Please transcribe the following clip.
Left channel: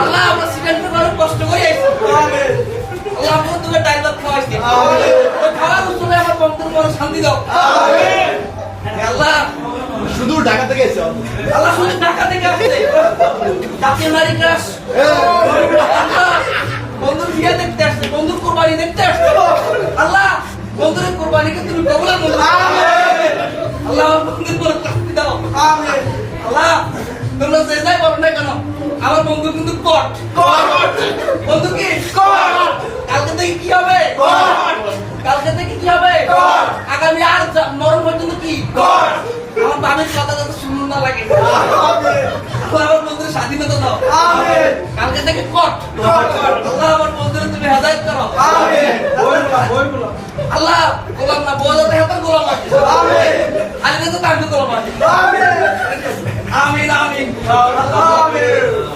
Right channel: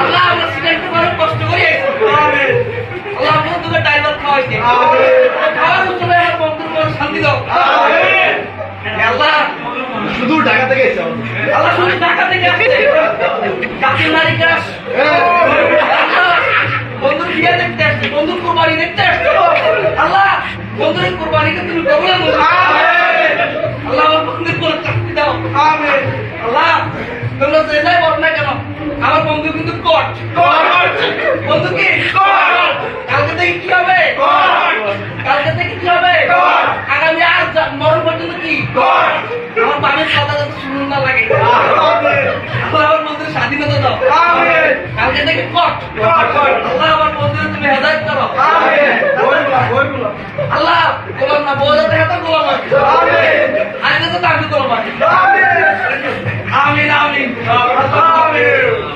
আল্লাহ আমরা সিলেক্ট করে কষ্ট করে আমিন আল্লাহ আমরা তোকে ড্রাইভার খাওয়াইছি আমিন খাওয়ার উসলে আমার বন্ধুর মনে শান্তি দাও আমিন আল্লাহ শুধু ঢাকা থেকে এসেছে আল্লাহ শুধু ঢাকা থেকে আসছে কাকে মারি কাশ বন্ধুর বিয়ে দেখতে আসছি বন্ধুর কুরবানি দেখতে আসছি আল্লাহ বন্ধুর কুরবানিকে তুমি কবুল করো আমিন আল্লাহ আমার বন্ধুর বলে শান্তি দাও আমিন আল্লাহ তোমরা যে যাই বল না কেন আমার বন্ধু কিন্তু কট বন্ধু কি কালকে থেকে কি হবে কালকে থেকে কি হবে আগামী আর মরণ পর্যন্ত কি আমার বাবার কথা যাতে শুনুন না লাগে আমার বন্ধুর স্বাধীনতা দাও কালকে থেকে কট আল্লাহ আমার বন্ধুর তুমি হেদায়েত করো আল্লাহ গোলাম না বউ যাতে হেদায়েত গোলাম আছে আমি তো তাকে গোলাম আছে আমিন আমিন আমিন